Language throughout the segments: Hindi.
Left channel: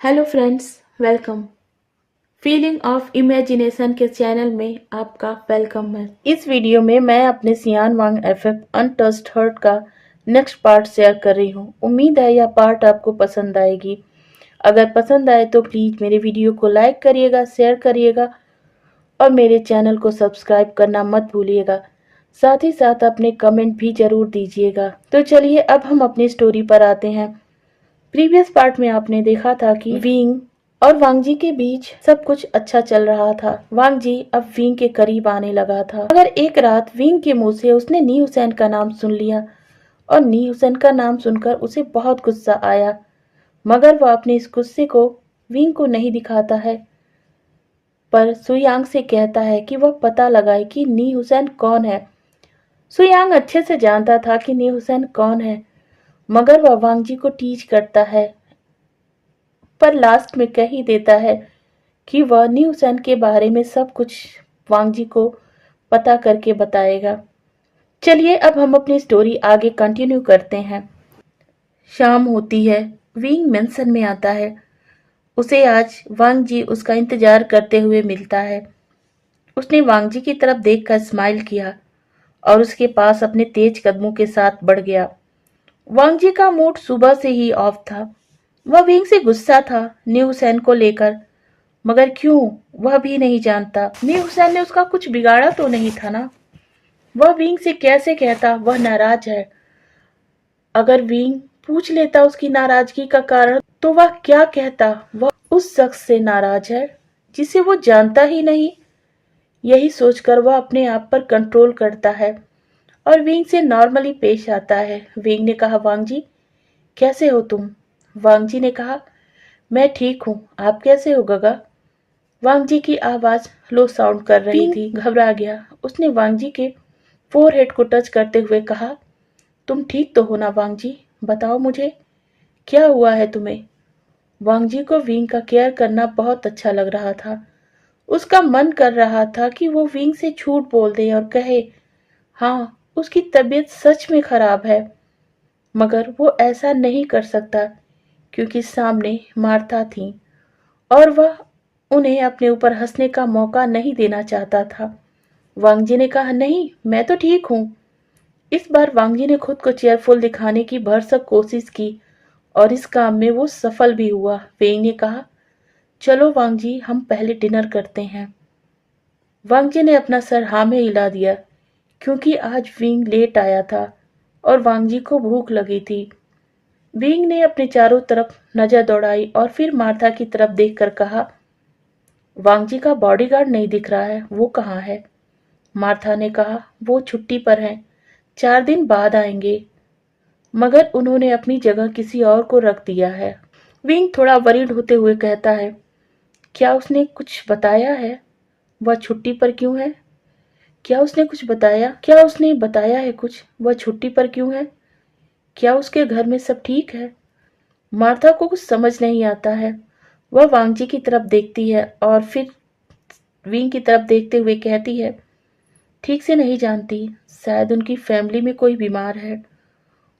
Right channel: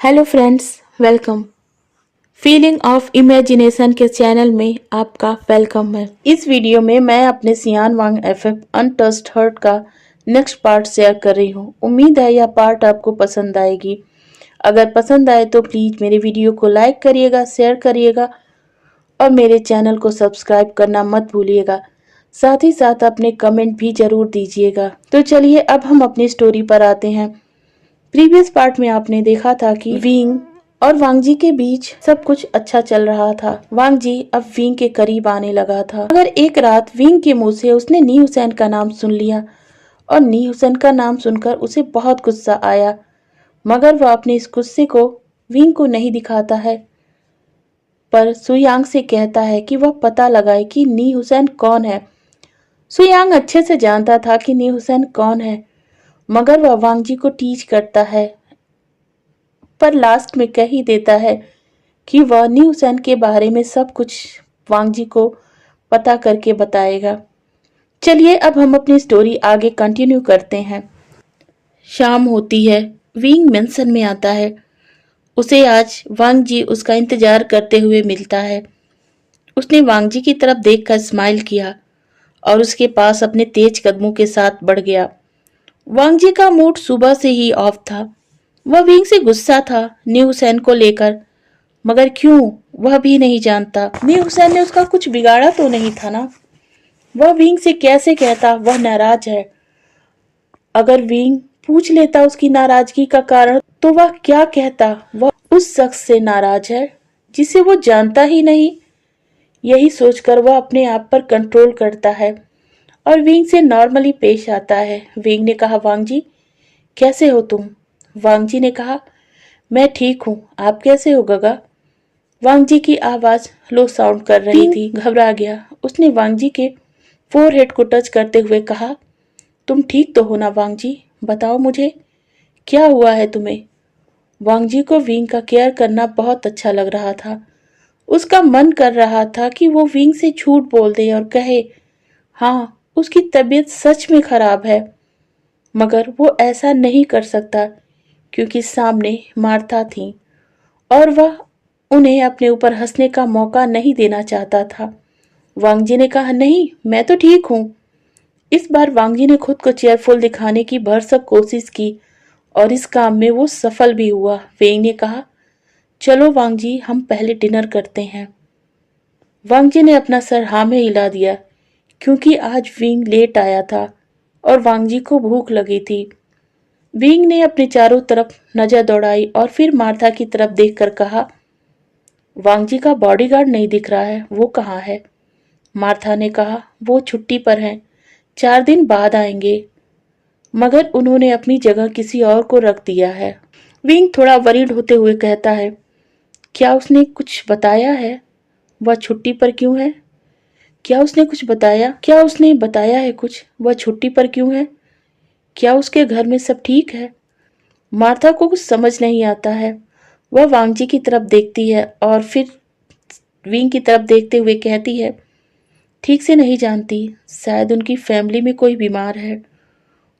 Hello friends, welcome. Feeling of imagination के चैनल में आपका वेलकम है। इस वीडियो में मैं अपने सियान वांग एफएफ अनटच्ड हर्ट का नेक्स्ट पार्ट शेयर कर रही हूँ। उम्मीद है यह पार्ट आपको पसंद आएगी। अगर पसंद आए तो प्लीज़ मेरे वीडियो को लाइक करिएगा, शेयर करिएगा और मेरे चैनल को सब्सक्राइब करना मत भूलिएगा। साथ ही साथ अपने कमेंट भी जरूर दीजिएगा। तो चलिए अब हम अपनी स्टोरी पर आते हैं। प्रीवियस पार्ट में आपने देखा था कि विंग और वांगजी के बीच सब कुछ अच्छा चल रहा था। वांगजी अब विंग के करीब आने लगा था, मगर एक रात विंग के मुंह से उसने नी हुसैन का नाम सुन लिया और नी हुसैन का नाम सुनकर उसे बहुत गुस्सा आया, मगर वह अपने इस गुस्से को विंग को नहीं दिखाता है, पर सुयांग से कहता है कि वह पता लगाए कि नी हुसैन कौन है। सुयांग अच्छे से जानता था कि नी हुसैन कौन है, मगर वह वांगजी को टीच करता है, पर लास्ट में कह ही देता है कि वह नी हुसैन के बारे में सब कुछ वांगजी को पता करके बताएगा। चलिए अब हम अपनी स्टोरी आगे कंटिन्यू करते हैं। शाम होती है, विंग मेंशन में आता है। उसे आज वांगजी उसका इंतजार करते हुए मिलता है। उसने वांगजी की तरफ देखकर स्माइल किया और उसके पास अपने तेज कदमों के साथ बढ़ गया। वांगजी का मूड सुबह से ही ऑफ था। वह विंग से गुस्सा था न्यू हुसैन को लेकर, मगर क्यों वह भी नहीं जानता। न्यू हुसैन ने उसका कुछ बिगाड़ा तो नहीं था ना। वह विंग से कैसे कहता वह नाराज है। अगर विंग पूछ लेता उसकी नाराजगी का कारण तो वह क्या कहता वह उस शख्स से नाराज है जिसे वो जानता ही नहीं। यही सोचकर वह अपने आप पर कंट्रोल करता है और विंग से नॉर्मली पेश आता है। विंग ने कहा, वांगजी कैसे हो तुम? वांगजी ने कहा, मैं ठीक हूँ, आप कैसे हो गगा? वांगजी की आवाज लो साउंड कर रही थी। घबरा गया। उसने वांगजी के फोरहेड को टच करते हुए कहा, तुम ठीक तो हो ना वांगजी? बताओ मुझे क्या हुआ है तुम्हें? वांगजी को विंग का केयर करना बहुत अच्छा लग रहा था। उसका मन कर रहा था कि वो विंग से झूठ बोल दे और कहे हाँ उसकी तबीयत सच में खराब है, मगर वो ऐसा नहीं कर सकता क्योंकि सामने मार्था थी और वह उन्हें अपने ऊपर हंसने का मौका नहीं देना चाहता था। वांगजी ने कहा, नहीं मैं तो ठीक हूँ। इस बार वांगजी ने खुद को चेयरफुल दिखाने की भरसक कोशिश की और इस काम में वो सफल भी हुआ। वेंग ने कहा, चलो वांगजी हम पहले डिनर करते हैं। वांगजी ने अपना सर हाँ में हिला दिया क्योंकि आज विंग लेट आया था और वांगजी को भूख लगी थी। विंग ने अपने चारों तरफ नजर दौड़ाई और फिर मार्था की तरफ देखकर कहा, वांगजी का बॉडीगार्ड नहीं दिख रहा है, वो कहाँ है? मार्था ने कहा, वो छुट्टी पर हैं, 4 दिन बाद आएंगे, मगर उन्होंने अपनी जगह किसी और को रख दिया है। विंग थोड़ा वरीड होते हुए कहता है, क्या उसने कुछ बताया है? वह छुट्टी पर क्यों है? क्या उसने कुछ बताया? क्या उसने बताया है कुछ? वह छुट्टी पर क्यों है? क्या उसके घर में सब ठीक है? मार्था को कुछ समझ नहीं आता है। वह वांगजी की तरफ देखती है और फिर विंग की तरफ देखते हुए कहती है, ठीक से नहीं जानती, शायद उनकी फैमिली में कोई बीमार है।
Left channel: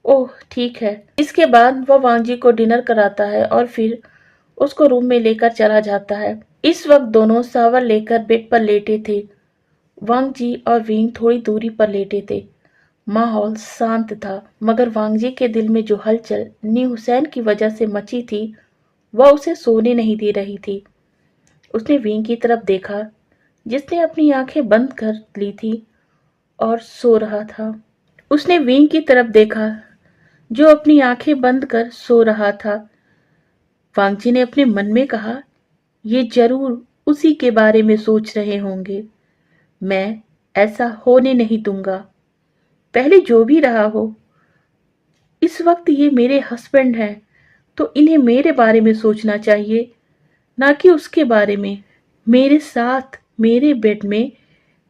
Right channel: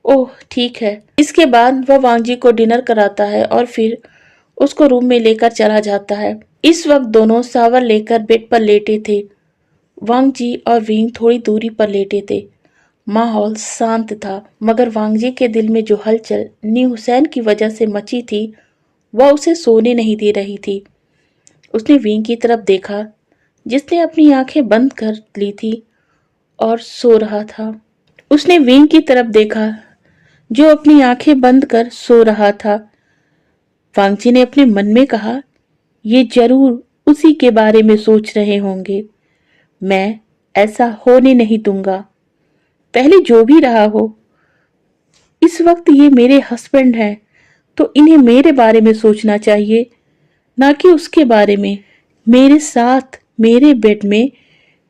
ओह ठीक है। इसके बाद वह वांगजी को डिनर कराता है और फिर उसको रूम में लेकर चला जाता है। इस वक्त दोनों शावर लेकर बेड पर लेटे थे। वांगजी और विंग थोड़ी दूरी पर लेटे थे। माहौल शांत था, मगर वांगजी के दिल में जो हलचल नी हुसैन की वजह से मची थी वह उसे सोने नहीं दे रही थी। उसने विंग की तरफ देखा जिसने अपनी आंखें बंद कर ली थी और सो रहा था। उसने विंग की तरफ देखा जो अपनी आंखें बंद कर सो रहा था। वांगजी ने अपने मन में कहा, ये जरूर उसी के बारे में सोच रहे होंगे। मैं ऐसा होने नहीं दूंगा। पहले जो भी रहा हो, इस वक्त ये मेरे हस्बैंड हैं, तो इन्हें मेरे बारे में सोचना चाहिए, ना कि उसके बारे में। मेरे साथ मेरे बेड में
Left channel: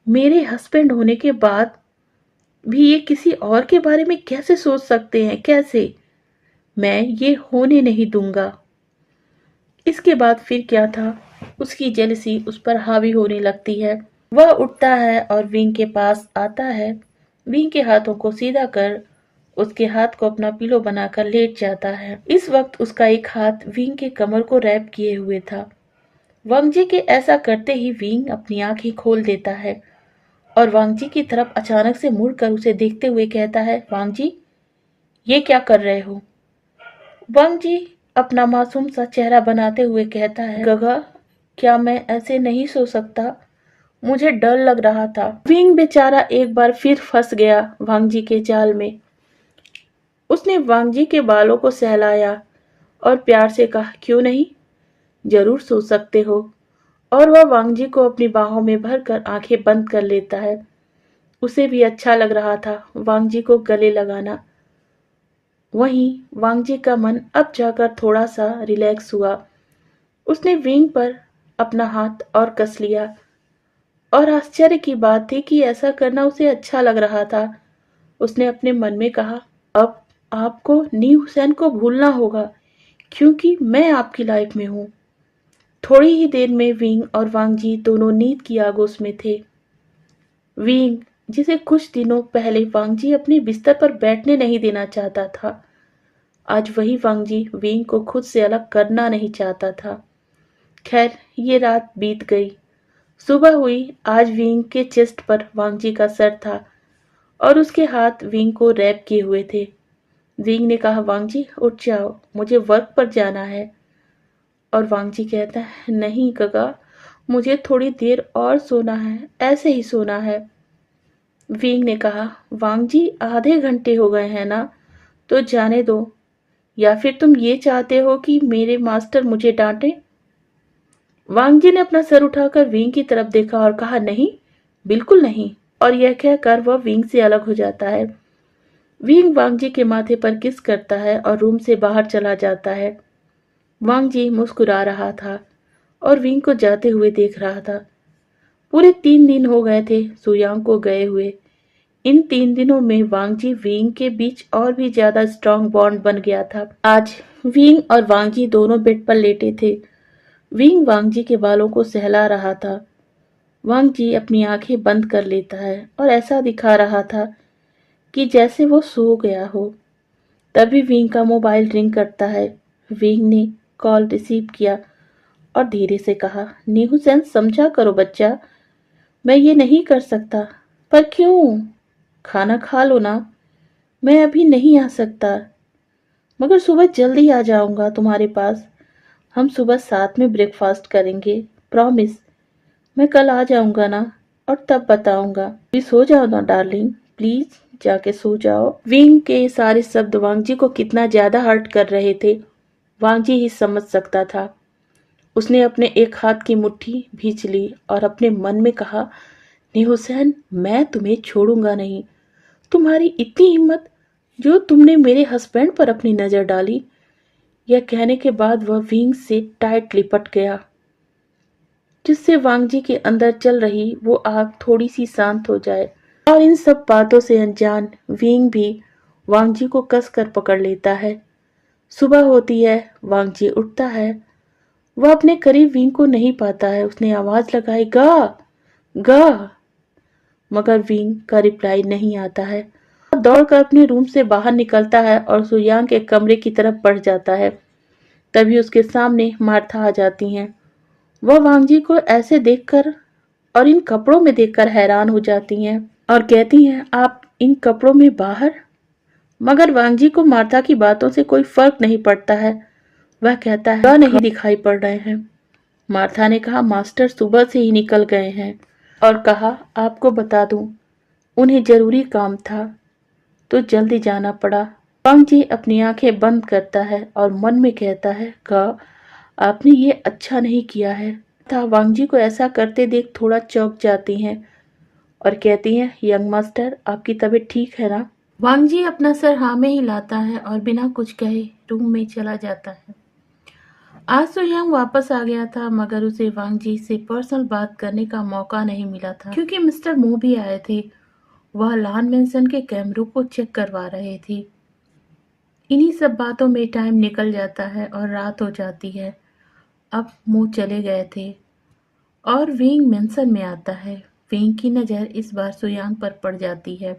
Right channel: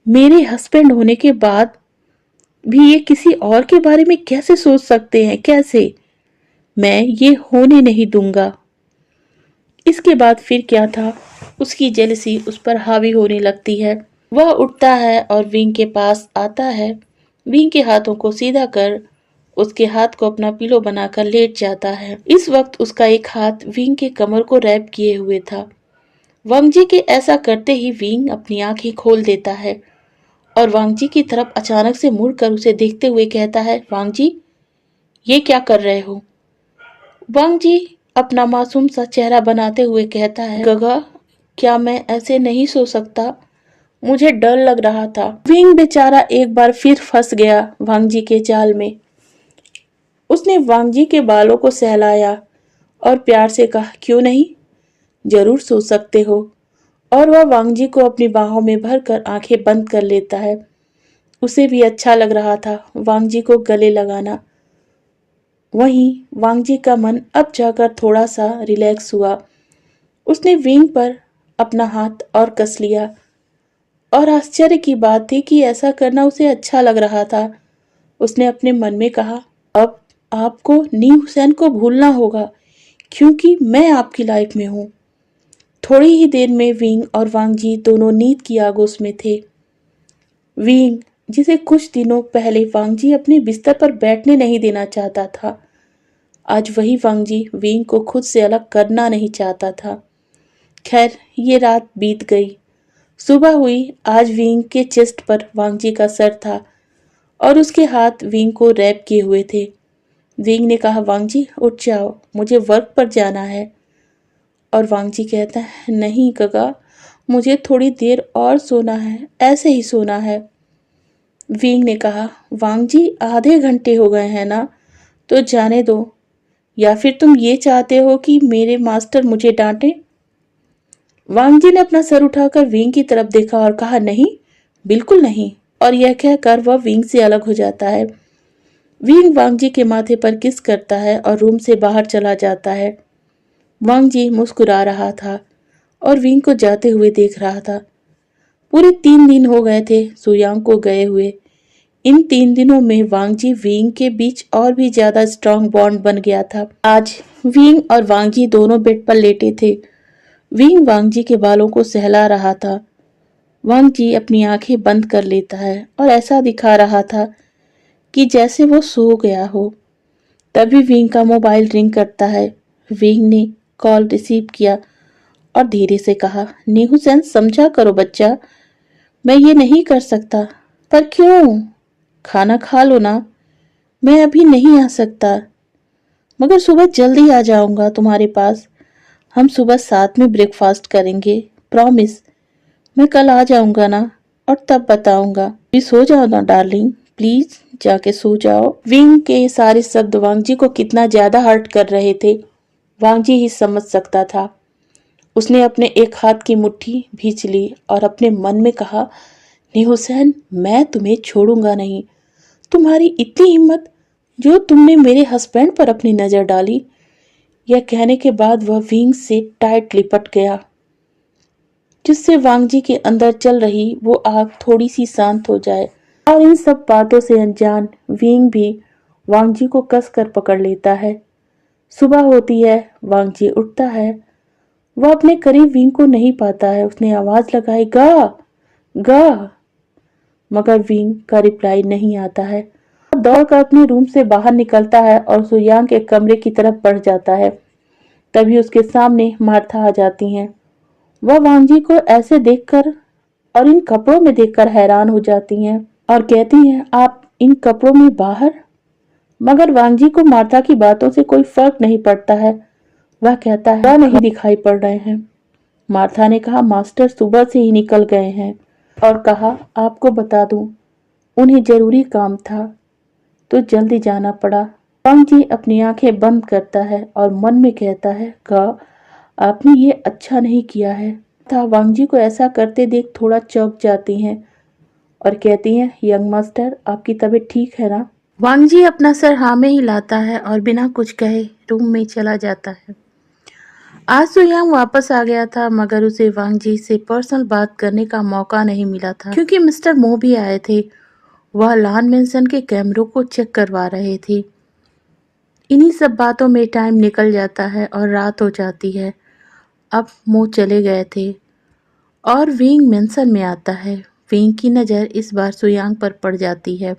मेरे हस्बैंड होने के बाद भी ये किसी और के बारे में कैसे सोच सकते हैं? कैसे? मैं ये होने नहीं दूंगा। इसके बाद फिर क्या था, उसकी जेलसी उस पर हावी होने लगती है। वह उठता है और विंग के पास आता है। विंग के हाथों को सीधा कर उसके हाथ को अपना पिलो बनाकर लेट जाता है। इस वक्त उसका एक हाथ विंग के कमर को रैप किए हुए था। वांगजी के ऐसा करते ही विंग अपनी आंखें खोल देता है और वांगजी की तरफ अचानक से मुड़कर उसे देखते हुए कहता है, वांगजी, ये क्या कर रहे हो? वांगजी अपना मासूम सा चेहरा बनाते हुए कहता है, गगा, क्या मैं ऐसे नहीं सो सकता? मुझे डर लग रहा था। विंग बेचारा एक बार फिर फंस गया वांगजी के जाल में। उसने वांगजी के बालों को सहलाया और प्यार से कहा, क्यों नहीं, जरूर सो सकते हो। और वह वांगजी को अपनी बाहों में भरकर आंखें बंद कर लेता है। उसे भी अच्छा लग रहा था वांगजी को गले लगाना। वहीं वांगजी का मन अब जाकर थोड़ा सा रिलैक्स हुआ। उसने विंग पर अपना हाथ और कस लिया और आश्चर्य की बात थी कि ऐसा करना उसे अच्छा लग रहा था। उसने अपने मन में कहा, अब आपको नी हुसैन को भूलना होगा क्योंकि मैं आपकी लाइफ में हूँ। थोड़ी ही देर में विंग और वांगजी दोनों नींद की आगोश में थे। विंग, जिसे कुछ दिनों पहले वांगजी अपने बिस्तर पर बैठने नहीं देना चाहता था, आज वही वांगजी विंग को खुद से अलग करना नहीं चाहता था। खैर, ये रात बीत गई। सुबह हुई। आज विंग के चेस्ट पर वांगजी का सर था और उसके हाथ विंग को रैप किए हुए थे। विंग ने कहा, वांगजी उठ जाओ, मुझे वर्क पर जाना है। और वांगजी कहता है, नहीं गगा, मुझे थोड़ी देर और सोना है, ऐसे ही सोना है। विंग ने कहा, वांगजी आधे घंटे हो गए हैं ना, तो जाने दो, या फिर तुम ये चाहते हो कि मेरे मास्टर मुझे डांटे? वांगजी ने अपना सर उठाकर विंग की तरफ देखा और कहा, नहीं, बिल्कुल नहीं। और यह कहकर वह विंग से अलग हो जाता है। विंग वांगजी के माथे पर किस करता है और रूम से बाहर चला जाता है। वांगजी मुस्कुरा रहा था और विंग को जाते हुए देख रहा था। पूरे 3 दिन हो गए थे सुयांग को गए हुए। इन 3 दिनों में वांगजी विंग के बीच और भी ज्यादा स्ट्रांग बॉन्ड बन गया था। आज विंग और वांगजी दोनों बेड पर लेटे थे। विंग वांगजी के बालों को सहला रहा था। वांगजी अपनी आंखें बंद कर लेता है और ऐसा दिखा रहा था कि जैसे वो सो गया हो। तभी विंग का मोबाइल रिंग करता है। विंग ने कॉल रिसीव किया और धीरे से कहा, नीहूसेन, समझा करो बच्चा, मैं ये नहीं कर सकता। पर क्यों? खाना खा लो ना। मैं अभी नहीं आ सकता, मगर सुबह जल्दी आ जाऊंगा तुम्हारे पास। हम सुबह साथ में ब्रेकफास्ट करेंगे, प्रॉमिस। मैं कल आ जाऊंगा ना, और तब बताऊंगा। अभी सो जाओ ना डार्लिंग, प्लीज जाके सो जाओ। विंग के सारे शब्द वांगजी को कितना ज्यादा हर्ट कर रहे थे, वांगजी ही समझ सकता था। उसने अपने एक हाथ की मुट्ठी भींच ली और अपने मन में कहा, नहीं हुसैन, मैं तुम्हें छोड़ूंगा नहीं। तुम्हारी इतनी हिम्मत जो तुमने मेरे हस्बैंड पर अपनी नजर डाली। यह कहने के बाद वह विंग से टाइट लिपट गया, जिससे वांगजी के अंदर चल रही वो आग थोड़ी सी शांत हो जाए। और इन सब बातों से अनजान विंग भी वांगजी को कस कर पकड़ लेता है। सुबह होती है, वांगजी उठता है। वह अपने करीब विंग को नहीं पाता है। उसने आवाज लगाई, गा गा, मगर विंग का रिप्लाई नहीं आता है। वह दौड़कर अपने रूम से बाहर निकलता है और सुयांग के कमरे की तरफ बढ़ जाता है। तभी उसके सामने मार्था आ जाती हैं। वह वांगजी को ऐसे देखकर और इन कपड़ों में देखकर हैरान हो जाती हैं और कहती हैं, आप इन कपड़ों में बाहर? मगर वांगजी को मार्था की बातों से कोई फर्क नहीं पड़ता है। वह कहता है, वह नहीं दिखाई पड़ रहे हैं। मार्था ने कहा, मास्टर सुबह से ही निकल गए हैं। और कहा, आपको बता दूं, उन्हें जरूरी काम था तो जल्दी जाना पड़ा। वांगजी अपनी आंखें बंद करता है और मन में कहता है, आपने ये अच्छा नहीं किया है। था वांगजी को ऐसा करते देख थोड़ा चौंक जाती हैं और कहती हैं, यंग मास्टर, आपकी तबीयत ठीक है ना? वांगजी अपना सर हाँ में हिलाता है और बिना कुछ कहे रूम में चला जाता है। आज सुयांग वापस आ गया था, मगर उसे वांगजी से पर्सनल बात करने का मौका नहीं मिला था क्योंकि मिस्टर मो भी आए थे। वह लान मेंशन के कैमरों को चेक करवा रहे थे। इन्हीं सब बातों में टाइम निकल जाता है और रात हो जाती है। अब मो चले गए थे और विंग मेंशन में आता है। विंग की नज़र इस बार सुयांग पर पड़ जाती है।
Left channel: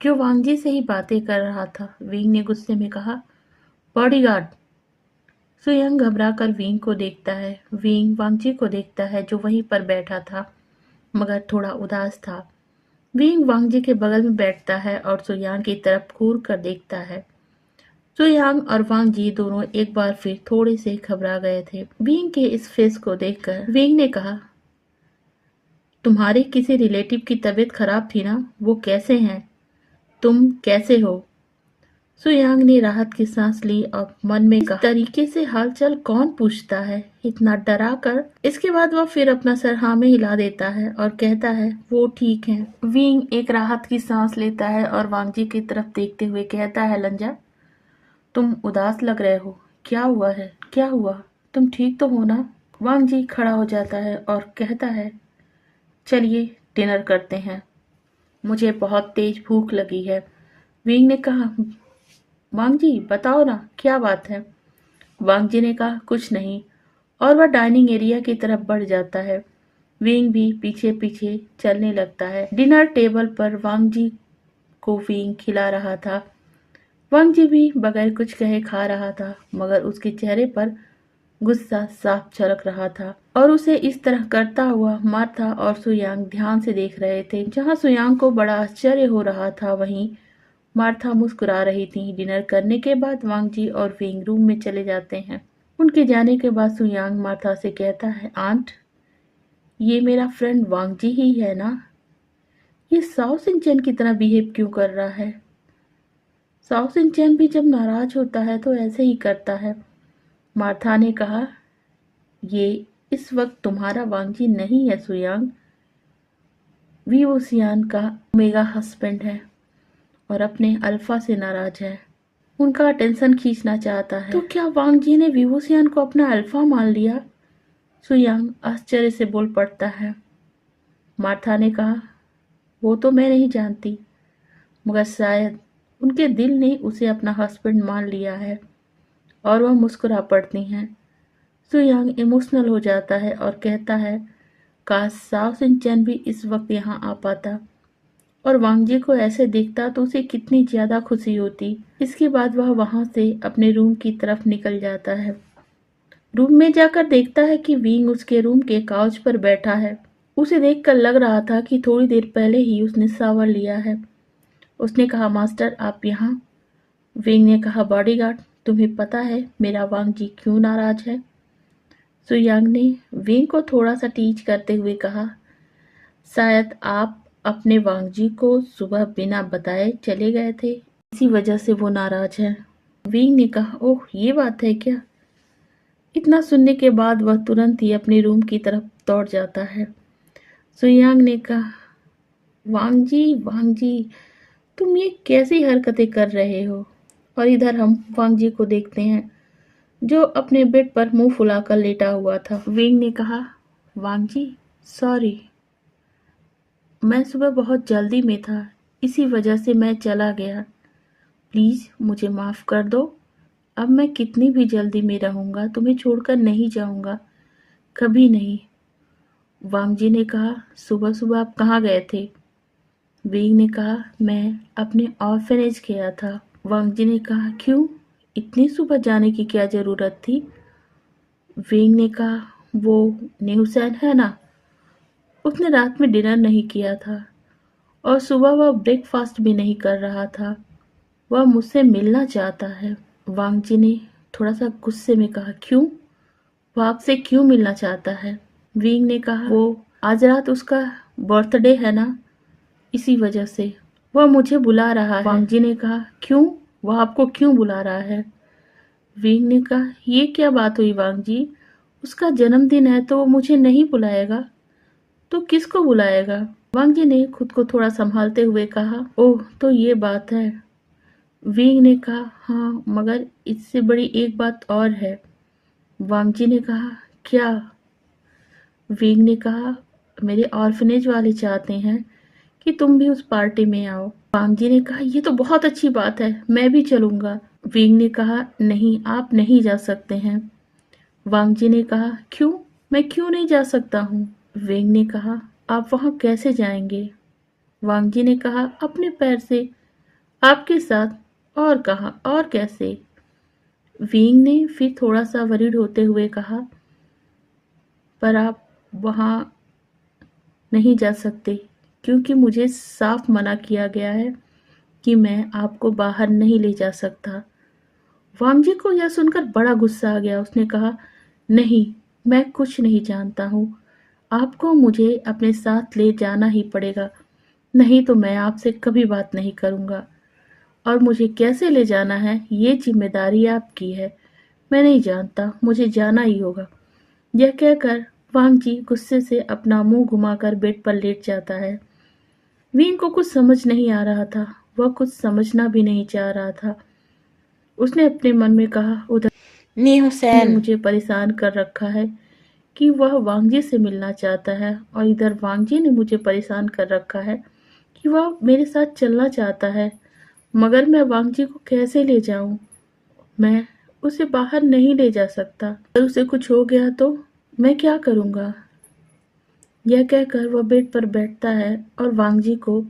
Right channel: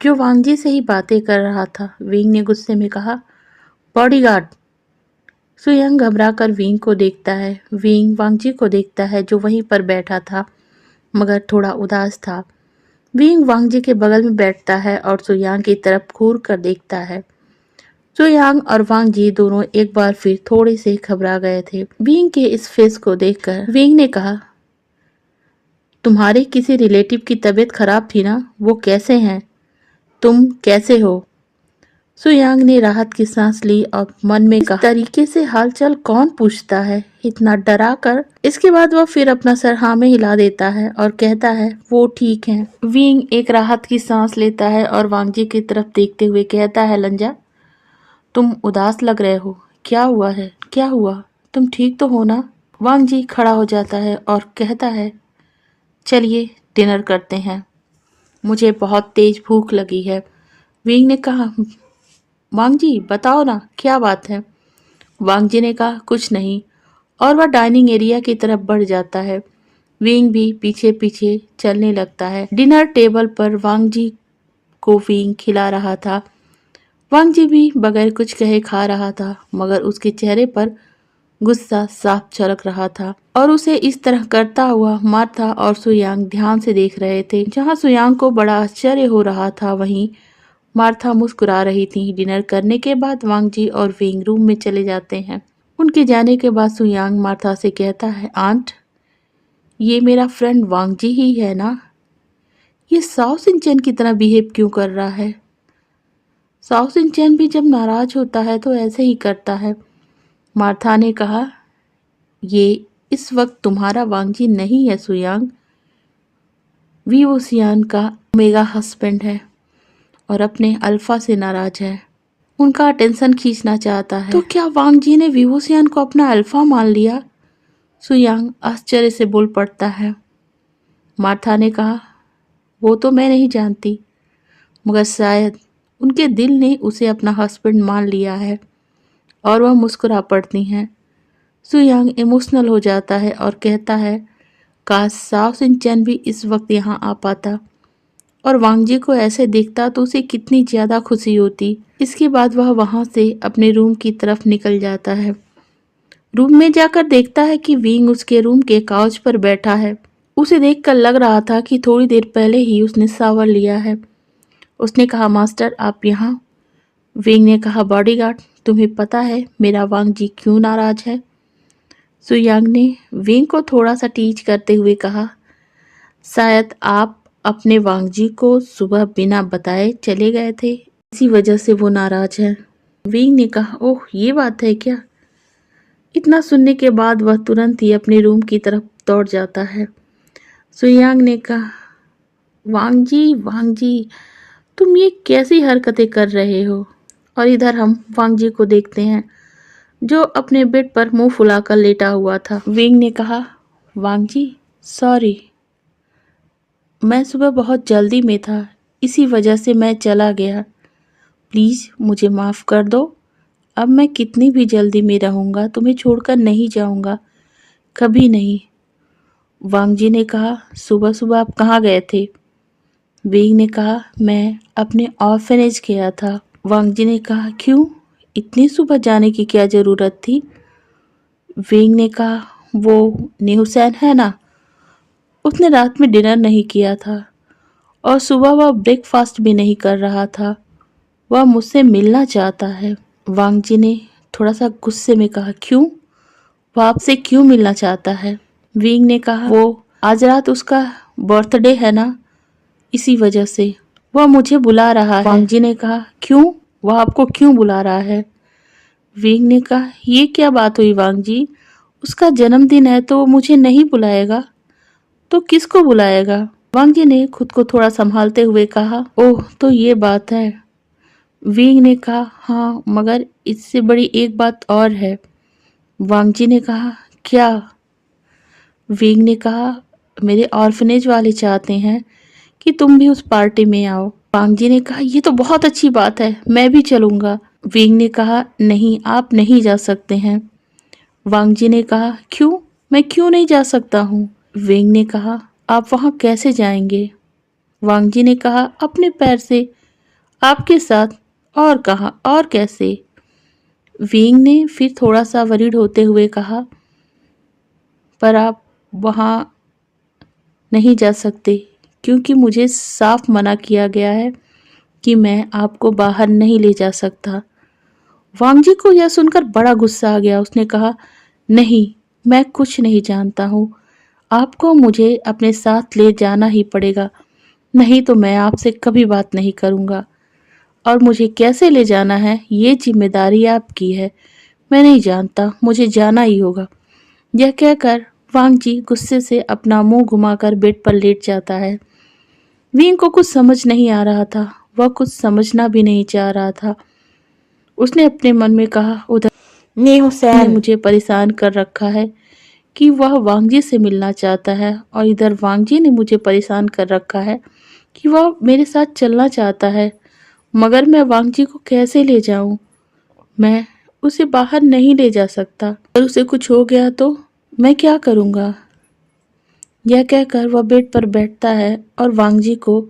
जो वांग जी से ही बातें कर रहा था। विंग ने गुस्से में कहा, बॉडीगार्ड। सुयांग घबरा कर विंग को देखता है। विंग वांग जी को देखता है जो वहीं पर बैठा था मगर थोड़ा उदास था। विंग वांग जी के बगल में बैठता है और सुयांग की तरफ घूर कर देखता है। सुयांग और वांग जी दोनों एक बार फिर थोड़े से घबरा गए थे। विंग के इस फेस को देखकर विंग ने कहा, तुम्हारे किसी रिलेटिव की तबीयत खराब थी ना, वो कैसे हैं? तुम कैसे हो? सुयांग ने राहत की सांस ली और मन में कहा, इस तरीके से हालचाल कौन पूछता है, इतना डरा कर। इसके बाद वह फिर अपना सर हाँ में हिला देता है और कहता है, वो ठीक है। विंग एक राहत की सांस लेता है और वांग जी की तरफ देखते हुए कहता है, लंजा, तुम उदास लग रहे हो, क्या हुआ है? क्या हुआ? तुम ठीक तो हो ना? वांग जी खड़ा हो जाता है और कहता है, चलिए डिनर करते हैं, मुझे बहुत तेज भूख लगी है। विंग ने कहा, वांग जी बताओ ना, क्या बात है? वांग जी ने कहा, कुछ नहीं, और वह डाइनिंग एरिया की तरफ बढ़ जाता है। विंग भी पीछे पीछे चलने लगता है। डिनर टेबल पर वांग जी को विंग खिला रहा था। वांग जी भी बगैर कुछ कहे खा रहा था मगर उसके चेहरे पर गुस्सा साफ झलक रहा था और उसे इस तरह करता हुआ मार्था और सुयांग ध्यान से देख रहे थे। जहां सुयांग को बड़ा आश्चर्य हो रहा था वहीं मार्था मुस्कुरा रही थी। डिनर करने के बाद वांग जी और विंग रूम में चले जाते हैं। उनके जाने के बाद सुयांग मार्था से कहता है, आंट, ये मेरा फ्रेंड वांग जी ही है ना? ये साओ सिंचन की तरह बिहेव क्यों कर रहा है? साओ सिंचन भी जब नाराज होता है तो ऐसे ही करता है। मार्था ने कहा, ये इस वक्त तुम्हारा वांग जी नहीं है सुयांग, वी सियान का मेगा हस्बैंड है और अपने अल्फा से नाराज है, उनका अटेंशन खींचना चाहता है। तो क्या वांग जी ने विवोसियान को अपना अल्फा मान लिया? सुयांग आश्चर्य से बोल पड़ता है। मार्था ने कहा, वो तो मैं नहीं जानती मगर शायद उनके दिल ने उसे अपना हस्बैंड मान लिया है। और वह मुस्कुरा पड़ती हैं। सुयांग इमोशनल हो जाता है और कहता है, काश साओ सिंचन भी इस वक्त यहाँ आ पाता और वांग जी को ऐसे देखता तो उसे कितनी ज़्यादा खुशी होती। इसके बाद वह वहाँ से अपने रूम की तरफ निकल जाता है। रूम में जाकर देखता है कि विंग उसके रूम के काउच पर बैठा है। उसे देखकर लग रहा था कि थोड़ी देर पहले ही उसने शावर लिया है। उसने कहा, मास्टर आप यहाँ? विंग ने कहा, बॉडीगार्ड, तुम्हें पता है मेरा वांग जी क्यों नाराज है? सुयांग ने विंग को थोड़ा सा टीज करते हुए कहा, शायद आप अपने वांग जी को सुबह बिना बताए चले गए थे, इसी वजह से वो नाराज है। विंग ने कहा, ओह ये बात है क्या? इतना सुनने के बाद वह तुरंत ही अपने रूम की तरफ दौड़ जाता है। सुयांग ने कहा, वांग जी तुम ये कैसी हरकतें कर रहे हो? और इधर हम वांग जी को देखते हैं जो अपने बेड पर मुंह फुलाकर लेटा हुआ था। विंग ने कहा, वांग जी सॉरी, मैं सुबह बहुत जल्दी में था, इसी वजह से मैं चला गया, प्लीज़ मुझे माफ़ कर दो। अब मैं कितनी भी जल्दी में रहूँगा तुम्हें छोड़कर नहीं जाऊँगा, कभी नहीं। वांग जी ने कहा, सुबह सुबह आप कहाँ गए थे? विंग ने कहा, मैं अपने ऑर्फनेज गया था। वांग जी ने कहा, क्यों? इतनी सुबह जाने की क्या ज़रूरत थी? विंग ने कहा, वो न्यूसैन है ना, उसने रात में डिनर नहीं किया था और सुबह वह ब्रेकफास्ट भी नहीं कर रहा था, वह मुझसे मिलना चाहता है। वांग जी ने थोड़ा सा गुस्से में कहा, क्यों? वो आपसे क्यों मिलना चाहता है? विंग ने कहा, वो आज रात उसका बर्थडे है ना, इसी वजह से वह मुझे बुला रहा है। वांग जी ने कहा, क्यों? वह आपको क्यों बुला रहा है? विंग ने कहा, ये क्या बात हुई वांग जी, उसका जन्मदिन है तो वो मुझे नहीं बुलाएगा तो किसको बुलाएगा? वांग जी ने खुद को थोड़ा संभालते हुए कहा, ओह तो ये बात है। विंग ने कहा, हाँ मगर इससे बड़ी एक बात और है। वांग जी ने कहा, क्या? विंग ने कहा, मेरे ऑर्फनेज वाले चाहते हैं कि तुम भी उस पार्टी में आओ। वांग जी ने कहा, ये तो बहुत अच्छी बात है, मैं भी चलूंगा। विंग ने कहा, नहीं आप नहीं जा सकते हैं। वांग जी ने कहा, क्यों? मैं क्यों नहीं जा सकता हूँ? विंग ने कहा, आप वहाँ कैसे जाएंगे? वांग जी ने कहा, अपने पैर से। आपके साथ? और कहाँ और कैसे? विंग ने फिर थोड़ा सा वरीड होते हुए कहा, पर आप वहाँ नहीं जा सकते क्योंकि मुझे साफ मना किया गया है कि मैं आपको बाहर नहीं ले जा सकता। वांगजी को यह सुनकर बड़ा गुस्सा आ गया। उसने कहा, नहीं, मैं कुछ नहीं जानता हूँ। आपको मुझे अपने साथ ले जाना ही पड़ेगा, नहीं तो मैं आपसे कभी बात नहीं करूँगा। और मुझे कैसे ले जाना है ये जिम्मेदारी आपकी है। मैं नहीं जानता, मुझे जाना ही होगा। यह कहकर वांगजी गुस्से से अपना मुंह घुमाकर बेड पर लेट जाता है। विंग को कुछ समझ नहीं आ रहा था, वह कुछ समझना भी नहीं चाह रहा था। उसने अपने मन में कहा, उधर नी ने हुसैन मुझे परेशान कर रखा है कि वह वांगजी से मिलना चाहता है, और इधर वांगजी ने मुझे परेशान कर रखा है कि वह मेरे साथ चलना चाहता है, मगर मैं वांगजी को कैसे ले जाऊं? मैं उसे बाहर नहीं ले जा सकता। अगर उसे कुछ हो गया तो मैं क्या करूंगा? यह कहकर वह बेड पर बैठता है और वांगजी को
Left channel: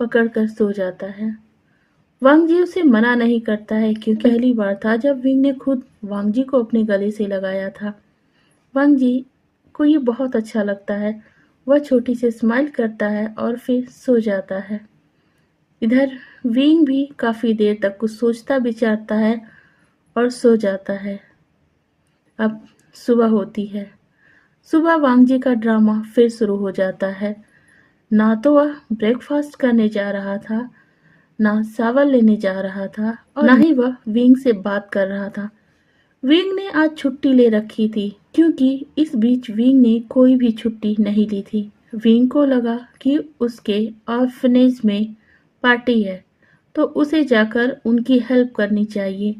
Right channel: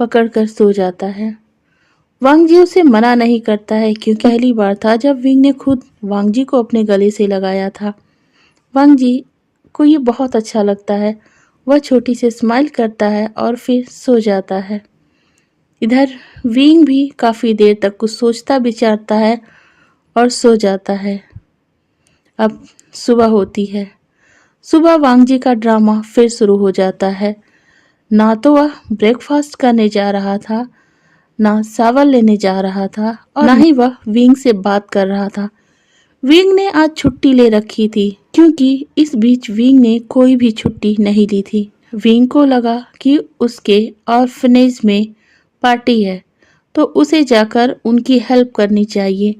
पकड़कर सो जाता है। वांगजी उसे मना नहीं करता है क्योंकि पहली बार था जब विंग ने खुद वांगजी को अपने गले से लगाया था। वांगजी को ये बहुत अच्छा लगता है। वह छोटी सी स्माइल करता है और फिर सो जाता है। इधर विंग भी काफ़ी देर तक कुछ सोचता विचारता है और सो जाता है। अब सुबह होती है। सुबह वांगजी का ड्रामा फिर शुरू हो जाता है। ना तो वह ब्रेकफास्ट करने जा रहा था, ना सावर लेने जा रहा था, और ना ही वह विंग से बात कर रहा था। विंग ने आज छुट्टी ले रखी थी क्योंकि इस बीच विंग ने कोई भी छुट्टी नहीं ली थी। विंग को लगा कि उसके ऑर्फनेज में पार्टी है तो उसे जाकर उनकी हेल्प करनी चाहिए।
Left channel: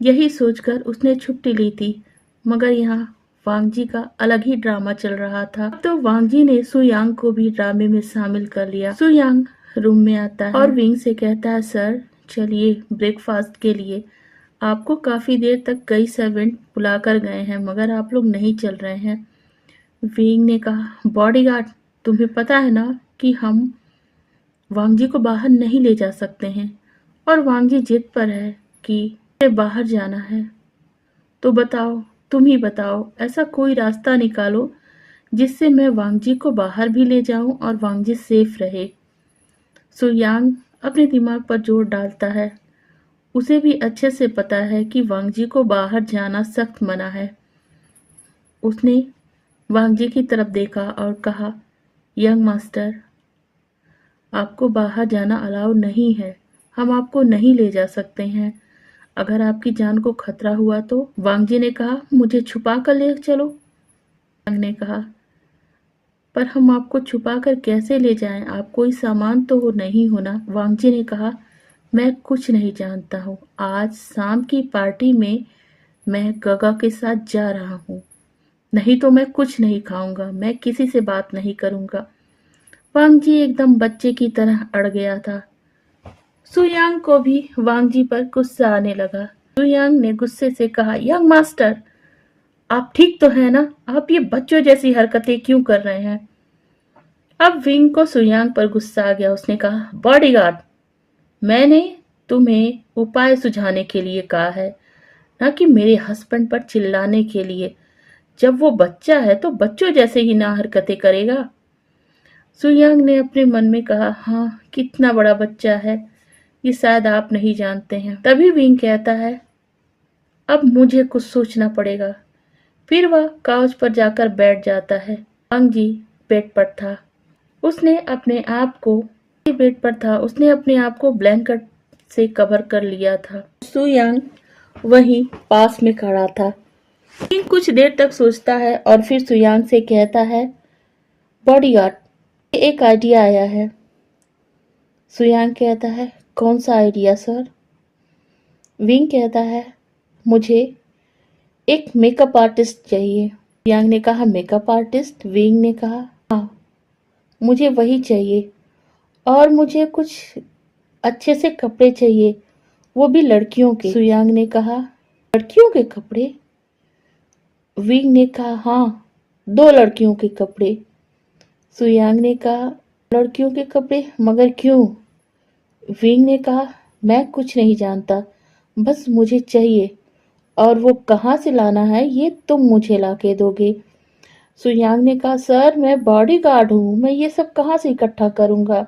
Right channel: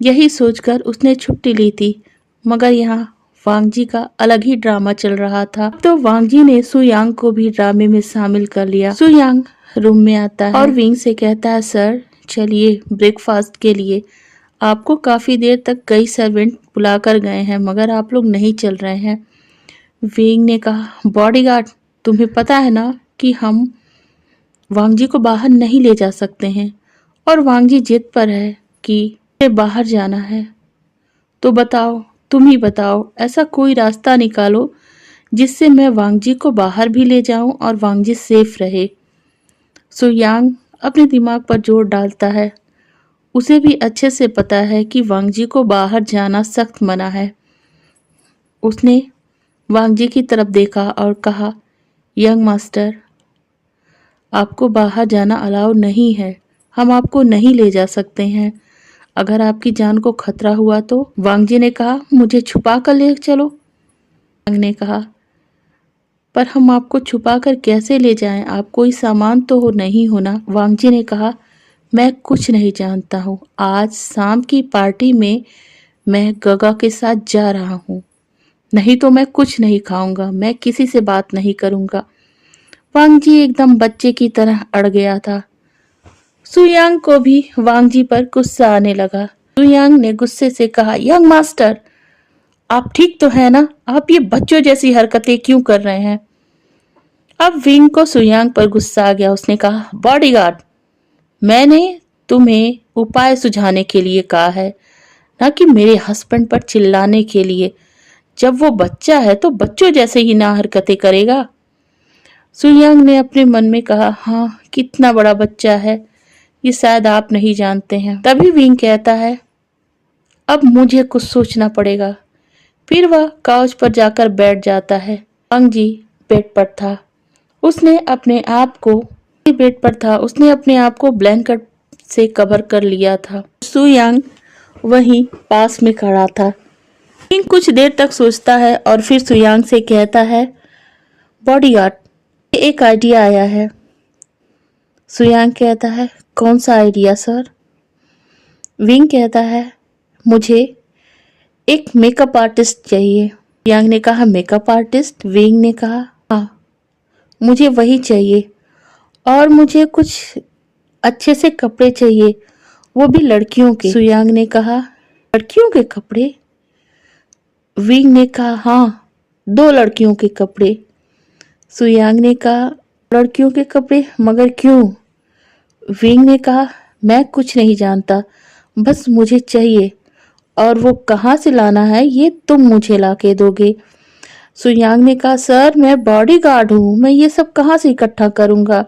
यही सोचकर उसने छुट्टी ली थी, मगर यहाँ वांगजी का अलग ही ड्रामा चल रहा था। तो वांगजी ने सुयांग को भी ड्रामे में शामिल कर लिया। सुयांग रूम में आता है और विंग से कहता है, सर चलिए ब्रेकफास्ट के लिए। आपको काफ़ी देर तक कई सर्वेंट बुला कर गए हैं मगर आप लोग नहीं चल रहे हैं। विंग ने कहा, बॉडीगार्ड, तुम्हें पता है ना कि हम वांगजी को बाहर नहीं ले जा सकते हैं, और वांगजी जिद पर है कि उसे बाहर जाना है। तो बताओ, तुम ही बताओ, ऐसा कोई रास्ता निकालो जिससे मैं वांगजी को बाहर भी ले जाऊं और वांगजी सेफ रहे। सुयांग अपने दिमाग पर जोर डालता है। उसे भी अच्छे से पता है कि वांगजी को बाहर जाना सख्त मना है। उसने वांगजी की तरफ देखा और कहा, यंग मास्टर, आपको बाहर जाना अलाउ नहीं है। हम आपको नहीं ले जा सकते हैं। अगर आपकी जान को खतरा हुआ तो? वांगजी ने कहा, मुझे छुपा कर ले चलो। वांग ने कहा, पर हम आपको छुपा कर कैसे ले जाएं? आप कोई सामान तो हो नहीं होना। वांगजी ने कहा, मैं कुछ नहीं जानता हूँ। आज शाम की पार्टी में मैं गगा के साथ जा रहा हूँ, नहीं तो मैं कुछ नहीं खाऊंगा। मैं किसी से बात नहीं करूंगा। वांगजी एकदम बच्चे की तरह अड़ गया था। सुयांग को भी वांगजी पर गुस्सा आने लगा। सुयांग ने गुस्से से कहा, यंग मास्टर, आप ठीक तो है ना? आप ये बच्चों जैसी हरकतें क्यों कर रहे हैं? अब विंग को सुयांग पर गुस्सा आ गया। उसने कहा, बॉडीगार्ड, मैंने तुम्हें उपाय सुझाने के लिए कहा है, ना कि मेरे हस्बैंड पर चिल्लाने के लिए। जब वो बच्चा है तो बच्चों जैसे ही ना हरकतें करेगा। सुयांग ने अपने मन में कहा, हाँ, कितना बड़ा बच्चा है ये शायद आप नहीं जानते हैं। तभी विंग कहता है, अब मुझे कुछ सोचना पड़ेगा। फिर वह काउच पर जाकर बैठ जाता है। वांगजी बेड पर था। उसने अपने आप को उसने अपने आप को ब्लैंकेट से कवर कर लिया था। सुयांग वहीं पास में खड़ा था। विंग कुछ देर तक सोचता है और फिर सुयांग से कहता है, बॉडीगार्ड, एक आइडिया आया है। सुयांग कहता है, कौन सा आइडिया सर? विंग कहता है, मुझे एक मेकअप आर्टिस्ट चाहिए। सुयांग ने कहा, मेकअप आर्टिस्ट? विंग ने कहा, हाँ, मुझे वही चाहिए, और मुझे कुछ अच्छे से कपड़े चाहिए, वो भी लड़कियों के। सुयांग ने कहा, लड़कियों के कपड़े? विंग ने कहा, हाँ, 2 लड़कियों के कपड़े। सुयांग ने कहा, लड़कियों के कपड़े? मगर क्यों? विंग ने कहा, मैं कुछ नहीं जानता, बस मुझे चाहिए, और वो कहाँ से लाना है ये तुम मुझे लाके दोगे। सुयांग ने कहा, सर मैं बॉडीगार्ड हूँ, मैं ये सब कहाँ से इकट्ठा करूँगा।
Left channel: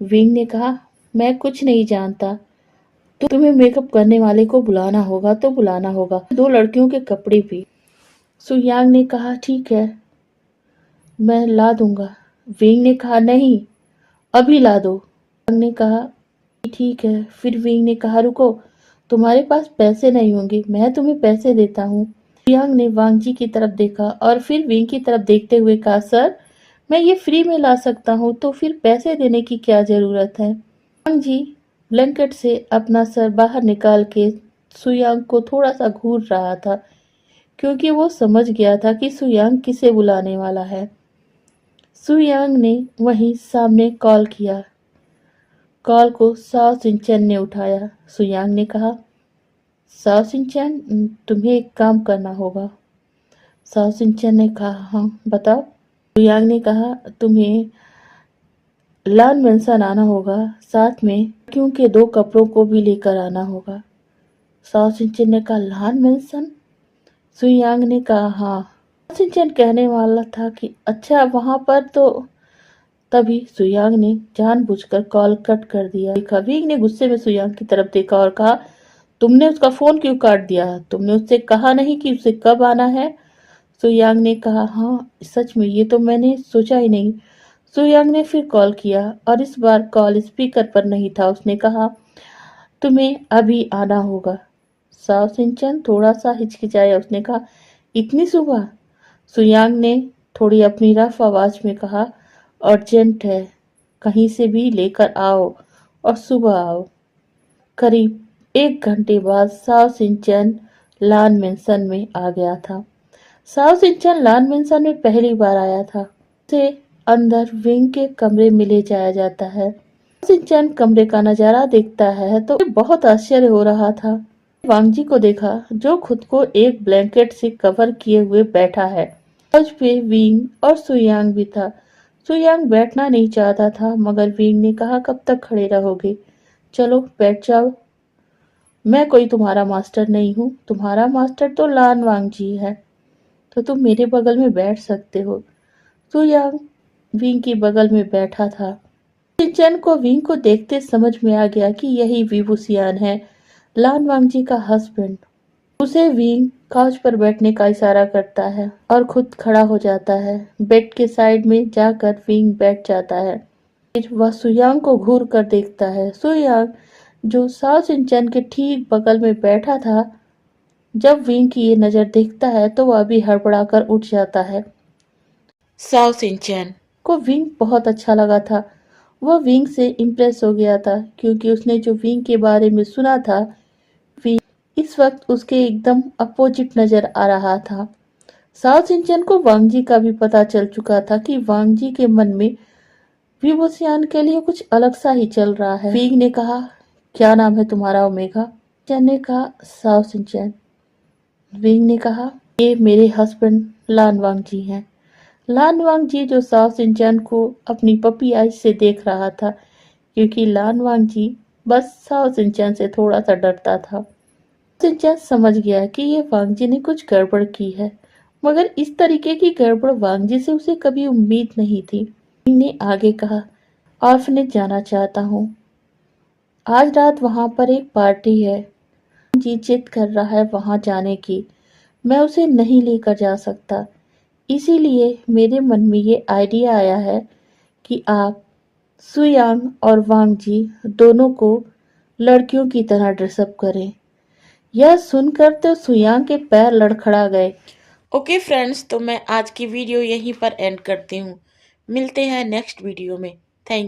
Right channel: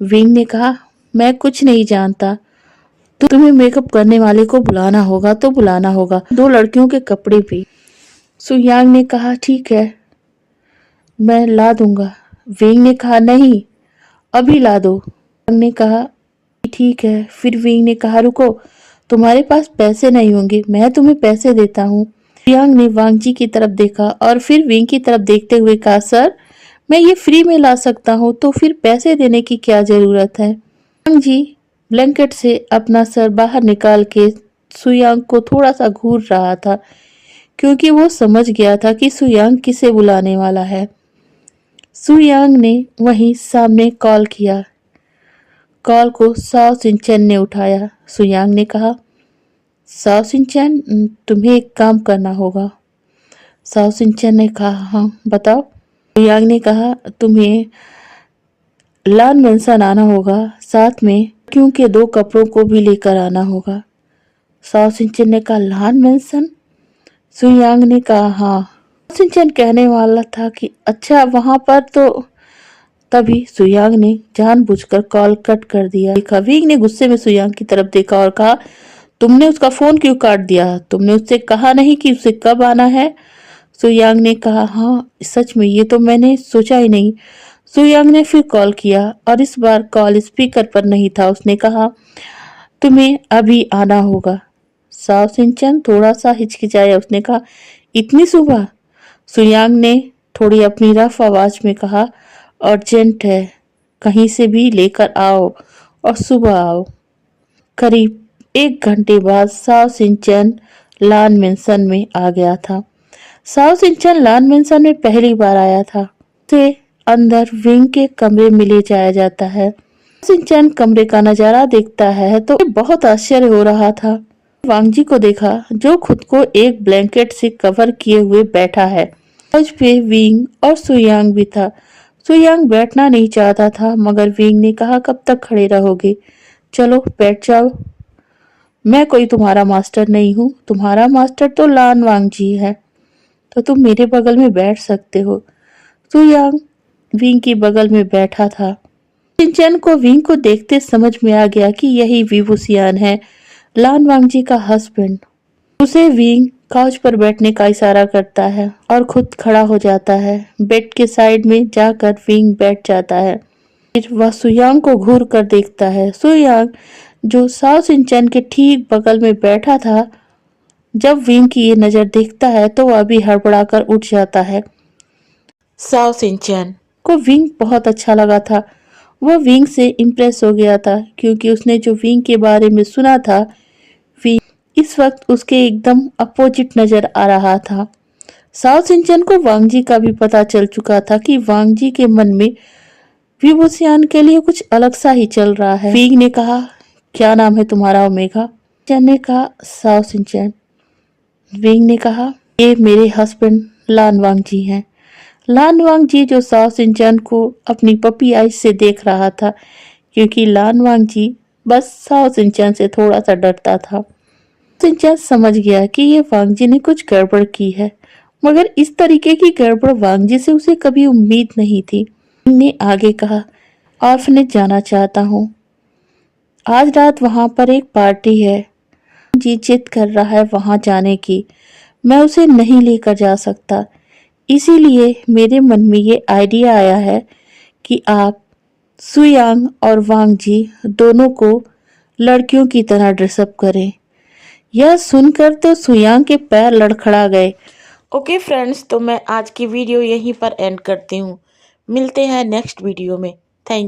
विंग ने कहा, मैं कुछ नहीं जानता, तुम्हें मेकअप करने वाले को बुलाना होगा तो बुलाना होगा, 2 लड़कियों के कपड़े भी। सुयांग ने कहा, ठीक है, मैं ला दूंगा। विंग ने कहा, नहीं, अभी ला दो। सुयांग ने कहा, ठीक है। फिर विंग ने कहा, रुको, तुम्हारे पास पैसे नहीं होंगे, मैं तुम्हें पैसे देता हूँ। सुयांग ने वांग जी की तरफ देखा और फिर विंग की तरफ देखते हुए कहा, सर मैं ये फ्री में ला सकता हूँ तो फिर पैसे देने की क्या जरूरत है। वांग जी ब्लैंकेट से अपना सर बाहर निकाल के सुयांग को थोड़ा सा घूर रहा था, क्योंकि वो समझ गया था कि सुयांग किसे बुलाने वाला है। सुयांग ने वहीं सामने कॉल किया। कॉल को साओ सिंचन ने उठाया। सुयांग ने कहा, साओ सिंचन, तुम्हें एक काम करना होगा। साओ सिंचन ने कहा, हाँ बताओ। सुयांग ने कहा, तुम्हें लान मेंसन आना होगा, साथ में क्योंकि 2 कपड़ों को भी लेकर आना होगा। साओ सिंचन ने कहा, लान मेंसन? सुयांग ने कहा, हाँ। सिंचन कहने वाला था कि अच्छा वहां पर तो, तभी सुयांग ने जानबूझकर कॉल कट कर दिया। विंग ने गुस्से में सुयांग की तरफ देखा और कहा, तुमने उसका फोन क्यों काट दिया? तुमने उससे कहा नहीं कि उसे कब आना है? सुयांग ने कहा, हाँ सच में ये तो मैंने सोचा ही नहीं। सुयांग ने फिर कॉल किया और इस बार कॉल स्पीकर पर नहीं था। उसने कहा, तुम्हें अभी आना होगा। साव सिंचन थोड़ा सा हिचकिचाया। उसने कहा, इतनी सुबह? सुयांग ने थोड़ी अपनी रफ आवाज में कहा, अर्जेंट है, कहीं से भी लेकर आओ और सुबह आओ। करीब 1 घंटे बाद साव सिंचन लान मेंसन में आ गया था। साव सिंचन लान मेंसन में पहली बार आया था। उसे अंदर विंग के कमरे में ले जाया जाता है। सिंचन कमरे का नजारा देखता है तो बहुत आश्चर्य हो रहा था। वांग जी को देखा जो खुद को एक ब्लैंकेट से कवर किए हुए बैठा है। उस पे विंग और सुयांग भी था। सुयांग बैठना नहीं चाहता था, मगर विंग ने कहा, कब तक खड़े रहोगे, चलो बैठ जाओ। मैं कोई तुम्हारा मास्टर नहीं हूँ, तुम्हारा मास्टर तो लान वांग जी है, तो तुम मेरे बगल में बैठ सकते हो। सुयांग विंग के बगल में बैठा था। सिंचन को विंग को देखते समझ में आ गया कि यही विभूसियान है, लान वांग जी का हस्बैंड। उसे विंग काउच पर बैठने का इशारा करता है और खुद खड़ा हो जाता है। बेड के साइड में जाकर विंग बैठ जाता है। फिर वह सुयांग को घूर कर देखता है। सुयांग जो साओ सिंचन के ठीक बगल में बैठा था, जब विंग की ये नजर देखता है तो वह भी हड़बड़ाकर उठ जाता है। साओ सिंचन को विंग बहुत अच्छा लगा था। वह विंग से इम्प्रेस हो गया था, क्योंकि उसने जो विंग के बारे में सुना था, विंग इस वक्त उसके एकदम अपोजिट नजर आ रहा था। साओ सिंचन को वांग जी का भी पता चल चुका था कि वांग जी के मन में विभूसियान के लिए कुछ अलग सा ही चल रहा है। विंग ने कहा, क्या नाम है तुम्हारा? ओमेगा। सिंचन ने कहा, साओ सिंचन। विंग ने कहा, ये मेरे हस्बैंड लान वांग जी हैं। लान वांग जी जो साओ सिंचन को अपनी पपी आइज से देख रहा था, क्योंकि लान वांग जी बस साओ सिंचन से थोड़ा सा डरता था। सिंचन समझ गया कि ये वांग जी ने कुछ गड़बड़ की है, मगर इस तरीके की गड़बड़ वांग जी से उसे कभी उम्मीद नहीं थी। ने आगे कहा, ऑर्फनेज जाना चाहता हूँ, आज रात वहां पर एक पार्टी है, जी जिद कर रहा है वहां जाने की, मैं उसे नहीं लेकर जा सकता, इसीलिए मेरे मन में ये आइडिया आया है कि आप सुयांग और वांग जी दोनों को लड़कियों की तरह ड्रेसअप करें। यह सुनकर तो सुयांग के पैर लड़खड़ा गए। ओके फ्रेंड्स, तो मैं आज की वीडियो यहीं पर एंड करती हूँ। मिलते हैं नेक्स्ट वीडियो में। थैंक